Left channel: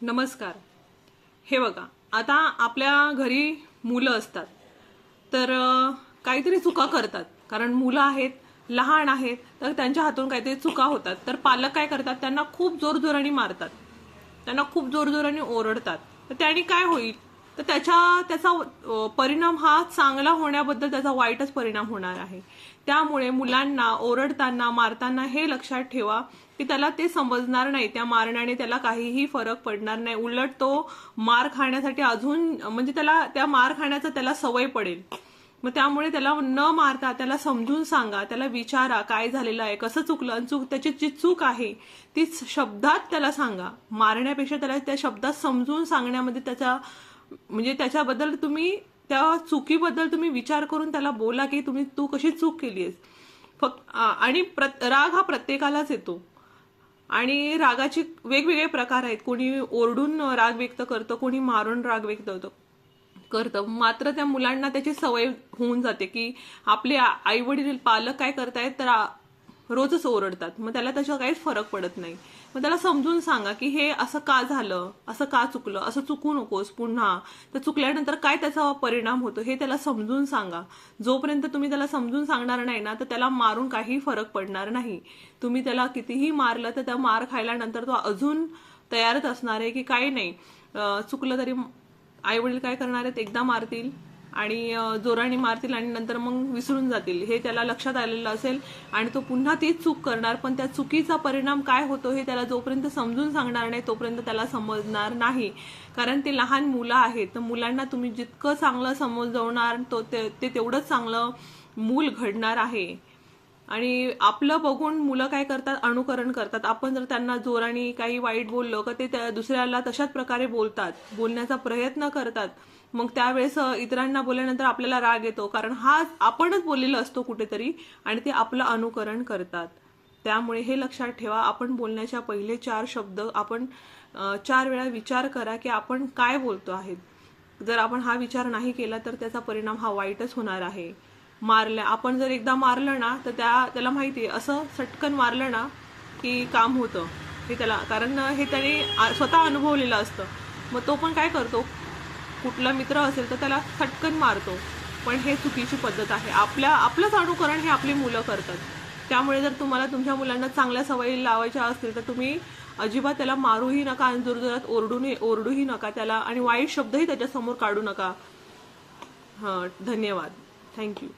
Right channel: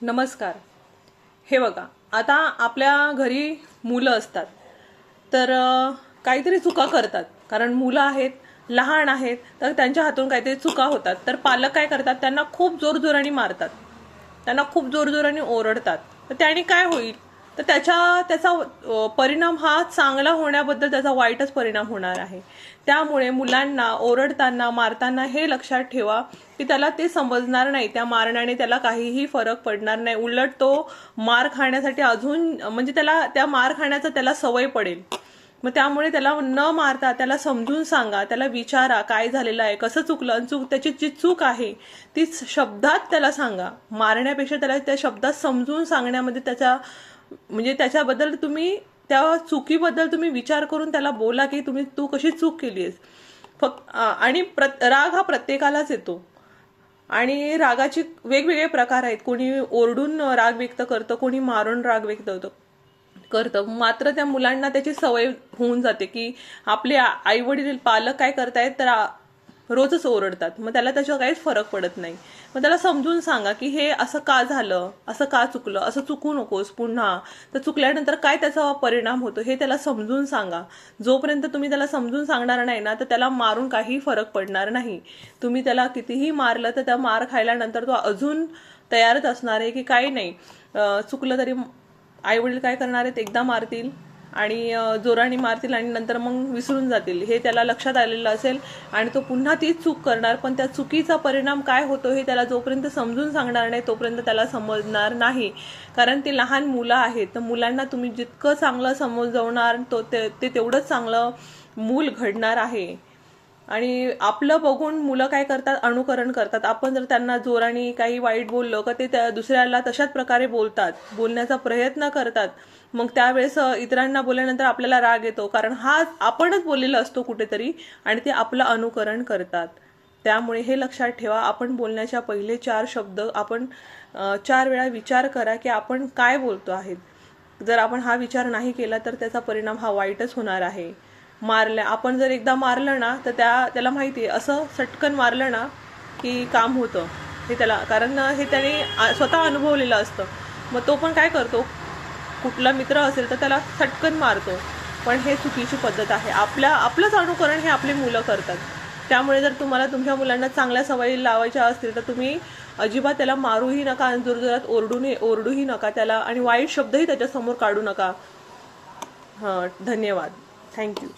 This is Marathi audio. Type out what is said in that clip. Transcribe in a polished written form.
नमस्कार. हे बघा, आता आपल्या घरी मुलं असतात तर काहीतरी चुका करतात. कारण मुलं आहेत, लहान आहेत, तर त्यांच्या हातून काहीतरी चुका होतात. तर पालक काय करतात, त्यांना खूप जोरजोराने मारतात, त्यांना खूप जोरजोराने ओरडतात. तर त्याने काय होईल, तर त्याचा परिणाम हा चांगला होण्याबद्दल त्याचा वाईटच परिणाम होणार आहे. त्यामुळे मुलांना ओरडताना मारताना हे लक्षात ठेवा की त्याला ते समजणार नाही, त्या मारण्याने त्याला काहीही फरक पडणार नाही. उलट तो मार खाण्यासाठी अजून म्हणजे त्याला त्या मार खाण्याचा त्याला सवय पडेल. मग त्यामुळे त्याला न मारता त्याला समजून सांगा, त्याला विचारा काय झालेलं आहे, कसं चुकलं, त्याची जी चूक आहे ती शब्दात त्याला सांगा. मारण्यापेक्षा त्याला त्या शब्दात समजून सांगण्यामध्ये म्हणजे त्याच्याबद्दल तुम्ही त्या चुकीबद्दल तुम्ही विचार करून त्याला बोला की तू कशी चूक केलीस. फक्त आणि राग हा प्रत्येकालाच येतो आणि रागाचे वेगवेगळे प्रकार आहेत. कोणी ओरडून राग व्यक्त करतं, कोणी मारून राग व्यक्त करतं. मात्र त्या मुलांना त्याची सवय होऊन जाते की आपले आई वडील पालक काय करतायत तर रोजच ओरडतात. मग त्याला त्याचा काहीच फरक पडत नाही. मग त्याला समजून सांगा की हे असं का झालं, असं का चुकलं, असं चुकू नकोस पुन्हा. तर चुकल्यानंतर काय त्याचा परिणाम होतो हे त्याला समजून सांगा. जोपर्यंत तुम्ही त्याला समजून सांगणार नाही ना, तर त्याला मारून काही फरक पडणार नाही. तुम्ही त्याला कितीही मारलं तर त्या मार खायल्यानंतर तो अजून तयारच असणार आहे की काही नाही, चुकलं तरी आई वडील काय करणार आहेत, एकदा मारतील आणि जोराने मारतील आणि नंतर मग विसरून जातील. हे त्याला लक्षात आलेलं असेल आणि तो पुन्हा तीच चूक करणार. पण त्या चुकीचा परिणाम काय होतो हे त्याला जोपर्यंत समजून सांगणार नाही तोपर्यंत त्याला समजणार नाही. कारण ते लहान मुलं आहेत. तर मुलांना तुम्ही जितकं चांगलं समजवणार ते तेवढंच चांगलं मूल घडणार आहे. आणि आपलं बघून मुलं काय करतात, अनुकरण करतात. आपण जर त्यांना जोराने काही वाईट बोललो का ते दुसऱ्याला तशाच प्रकारे बोलण्याचा प्रयत्न करतात. मग त्यावेळेस इतरांना बोलल्यानंतर आपल्याला राग येतो, कारण हा आपणच बोललेला असतो कुठेतरी आणि ते आपलं अनुकरण करतात. त्यामुळे हे लक्षात ठेवा, आपण बोलण्याच्या पहिले 4 शब्द आपण 4 वेळा विचार करा की आपण काय बोलतो आहेत. जर आपण हा विचार नाही केला तर त्याचा परिणाम हा वाईटच होणार आहे. आपण जर एकदा मारलं ना तर त्याला माहिती आहे, असं सटकन मारलं ना की काम होतं हे त्याला, कारण हे त्याने स्वतः अनुभवलेलं असतं. मग तो पण काय करतो, कुठला मित्र असेल तर त्याला सटकन मारतो. पण हे चुकीची पद्धत आहे. आपलंच अनुकरण हे आपली मुलं करतात. त्यामुळे जर तुम्हाला तुमच्या मुलांना चांगल्या सवयी लावायच्या असतील तर तुम्ही अजिबात त्याला मारूही नका आणि जोरजोरात ओरडूही नका त्याला, आणि वाईट शब्दही त्याच्यासमोर काढू नका. धन्यवाद. थँक्यू.